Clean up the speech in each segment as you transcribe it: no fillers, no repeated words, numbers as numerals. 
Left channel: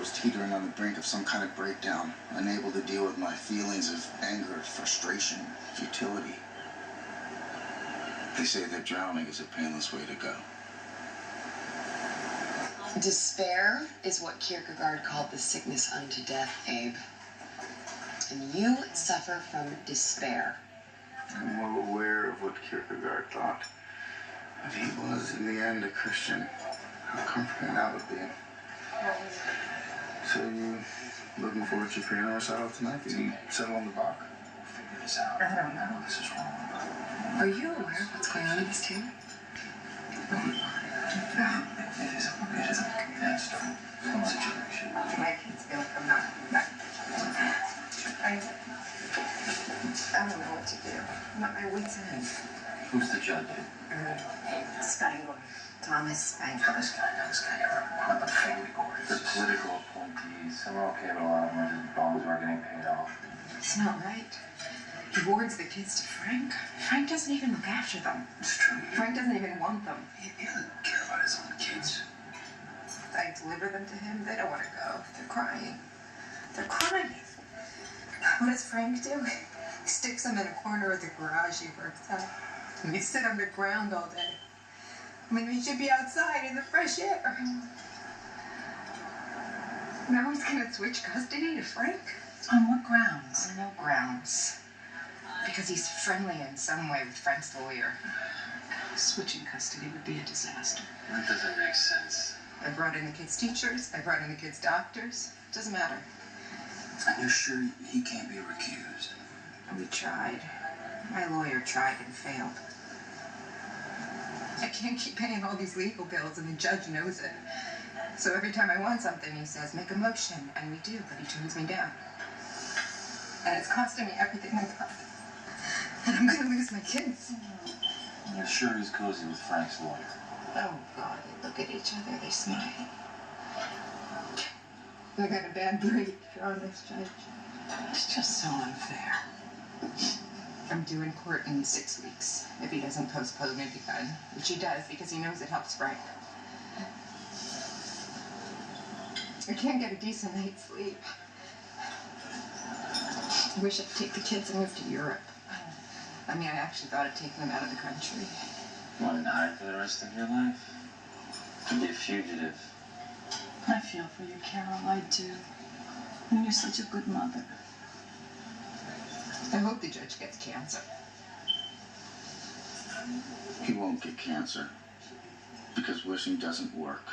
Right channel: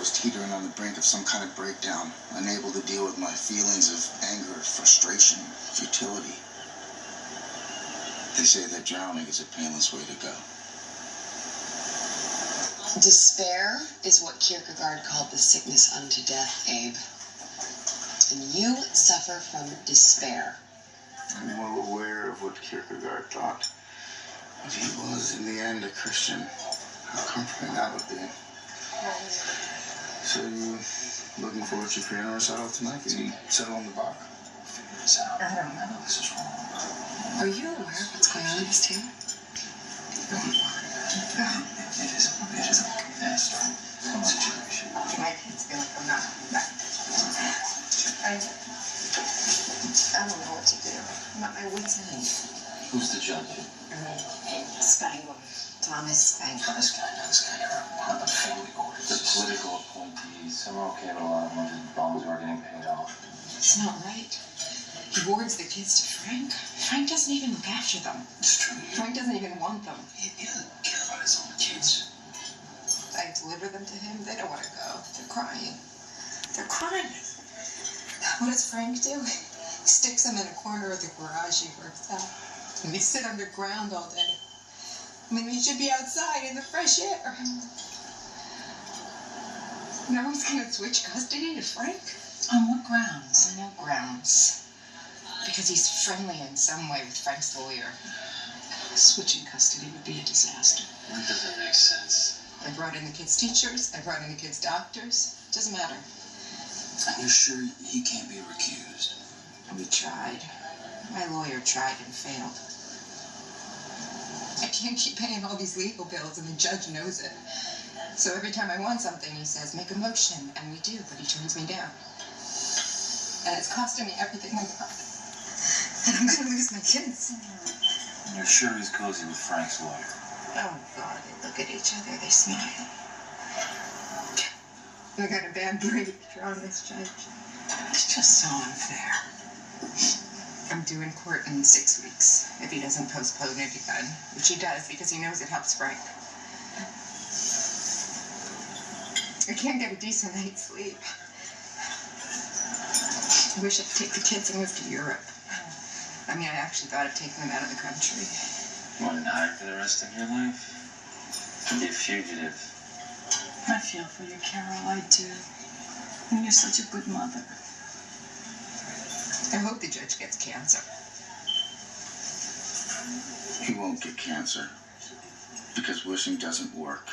was teetering on the brink of some kind of breakdown, unable to deal with my feelings of anger, frustration, futility. They say that drowning is a painless way to go. Despair is what Kierkegaard called the sickness unto death, Abe. And you suffer from despair. I'm well aware of what Kierkegaard thought. But he was, in the end, a Christian. How comforting that would be. So you looking forward to your piano recital tonight? Can you settle on the Bach? We'll figure this out. I don't know. This is wrong. Are you aware of what's going on in this town? It is a catastrophe situation. My kids feel like I'm not coming back. I don't know what to do. I'm at my wit's end. Who's the judge? Spangler. Thomas Spangler. This guy never put the political orders. The political appointees. Some are okay, but a lot of them are just bums who are getting paid off. It's not right. He wards the kids to Frank. Frank doesn't even look after them. It's true. Frank doesn't even want them. He doesn't care about his own kids. I deliver them to him. They don't want to go. They're crying. They're crying. What does Frank do? He sticks them in a corner of the garage he works at. And they sit underground all day. I mean, we should be outside in the fresh air. Now he's going to switch custody to Frank? On what grounds? On no grounds. Because he's friendly in some way with Frank's lawyer. Switching custody would be a disaster. That doesn't make sense. I brought in the kids' teachers. I brought in the kids' doctors. Doesn't matter. And you're sure he can't be recused? We tried. My lawyer tried and failed. I can't keep paying all these legal bills, and the judge knows it. So every time I want something, he says, make a motion, and we do, but he turns me down. And it's costing me everything I got. And I'm going to lose my kids. And you're sure he's cozy with Frank's lawyer? Oh, God, they look at each other, they smile. I got a bad break on this judge. It's just so unfair. I'm due in court in 6 weeks if he doesn't postpone it again, which he does because he knows it helps Frank. I can't get a decent night's sleep. I wish I could take the kids and move to Europe. I mean, I actually thought of taking them out of the country. You want to hide for the rest of your life? Be a fugitive. I feel for you, Carol. I do. And you're such a good mother. I hope the judge gets cancer. He won't get cancer. Because wishing doesn't work.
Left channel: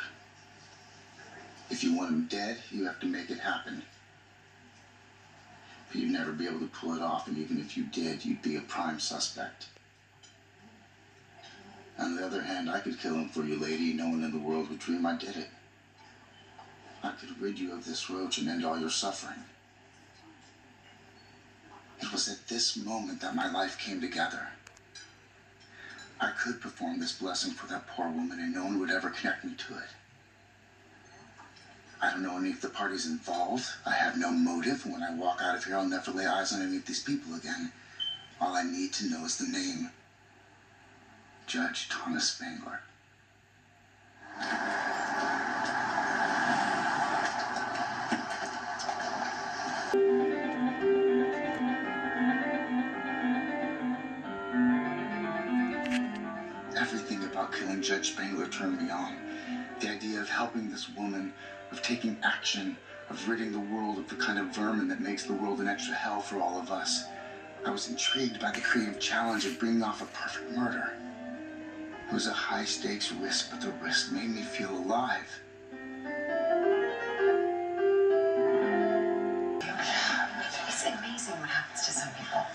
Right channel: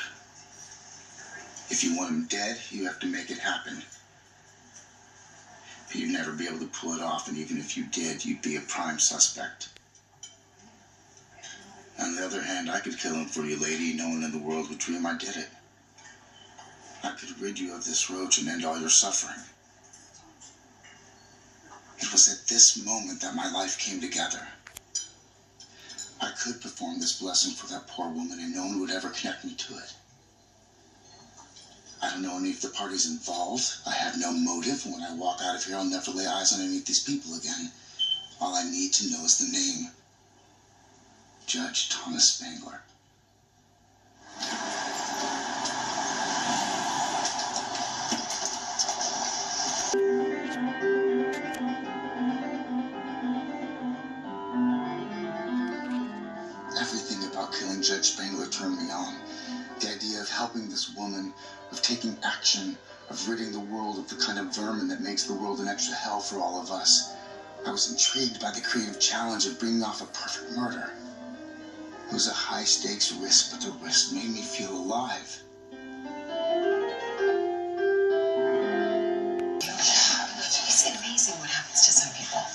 If you want him dead, you have to make it happen. But you'd never be able to pull it off, and even if you did, you'd be a prime suspect. On the other hand, I could kill him for you, lady. No one in the world would dream I did it. I could rid you of this roach and end all your suffering. It was at this moment that my life came together. I could perform this blessing for that poor woman, and no one would ever connect me to it. I don't know any of the parties involved. I have no motive. When I walk out of here, I'll never lay eyes on any of these people again. All I need to know is the name. Judge Thomas Spangler. Everything about killing Judge Spangler turned me on. The idea of helping this woman, of taking action, of ridding the world of the kind of vermin that makes the world an extra hell for all of us. I was intrigued by the creative challenge of bringing off a perfect murder. It was a high-stakes risk, but the risk made me feel alive. It's amazing what happens to some people.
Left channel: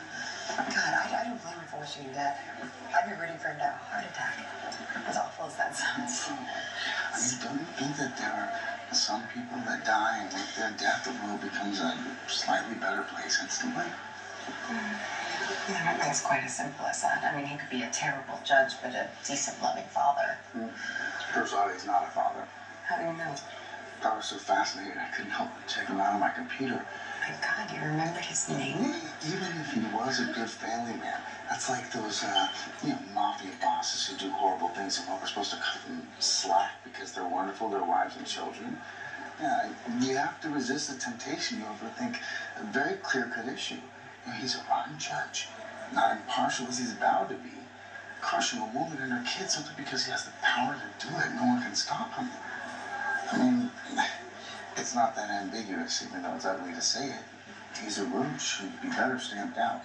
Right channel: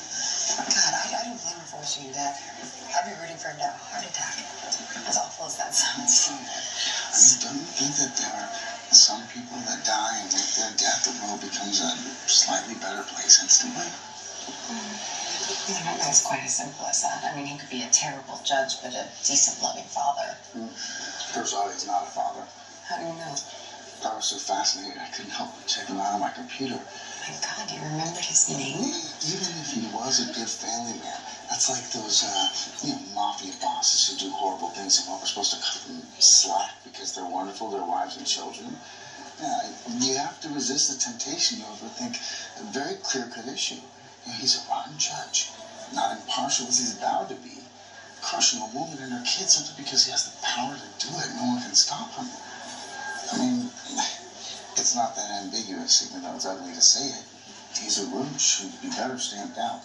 God, I don't blame him for wishing him dead. I'd be rooting for him to have a heart attack. As awful as that sounds. I mean, don't you think that there are some people that die and with their death the world becomes a slightly better place instantly? I don't think it's quite as simple as that. I mean, he could be a terrible judge, but a decent, loving father. Turns out he's not a father. How do you know? I was so fascinated I couldn't help but check him out on my computer. My God, you remembered his name? Even if he was a good family man, that's like those, mafia bosses who do horrible things and we're supposed to cut them slack because they're wonderful, their wives and children. Yeah, you have to resist the temptation to overthink a very clear-cut issue. He's a rotten judge, not impartial as he's vowed to be, crushing a woman and her kids simply because he has the power to do it. No one can stop him. I mean, it's not that ambiguous, even though it's ugly to say it. He's a roach who'd be better stamped out.